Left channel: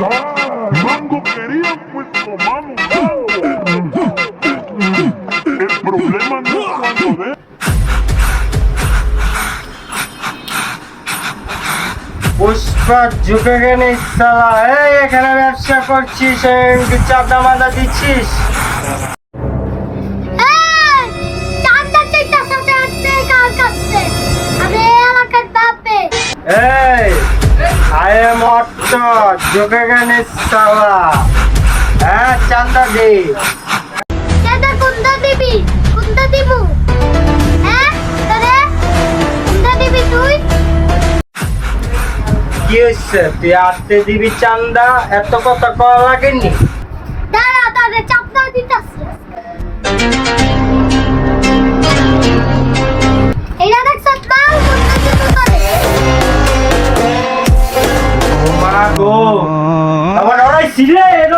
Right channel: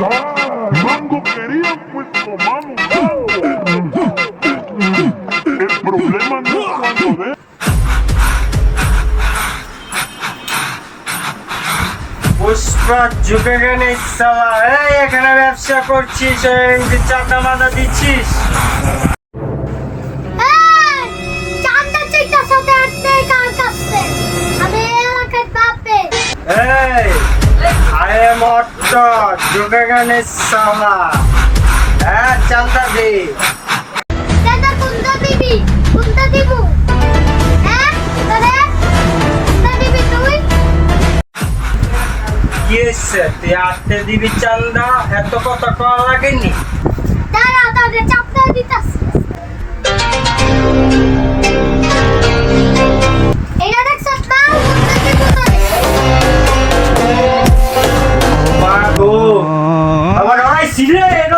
Mango quería pues tomamos mango. El problema no es cuando de... Pushpa ঝুঁকে গেলে সালা এই এখানে ব্যবসা করছিস চাঁদা মাদা দিচ্ছিস চান্দা চাইতা সাথে আসছে কার কাছে আমি এলাকার বাপে এই আই এম অট্ট ঝুঁকে গেলে সালা হ্যাঁ চান্দা দে দাদা কোনটা দিবি কোনটা দিব হ্যাঁ তোরে কোনটা দিবি তুই কি হয়েছে তুই আটতে দিবি চান্দা এত কথা করা লাগেনি দাঁড়া তোরে চাপটা দিতাছি এইটা দেখছ না কোনটা দিব তোরে মা গো আমার ওরাই ছিলে এর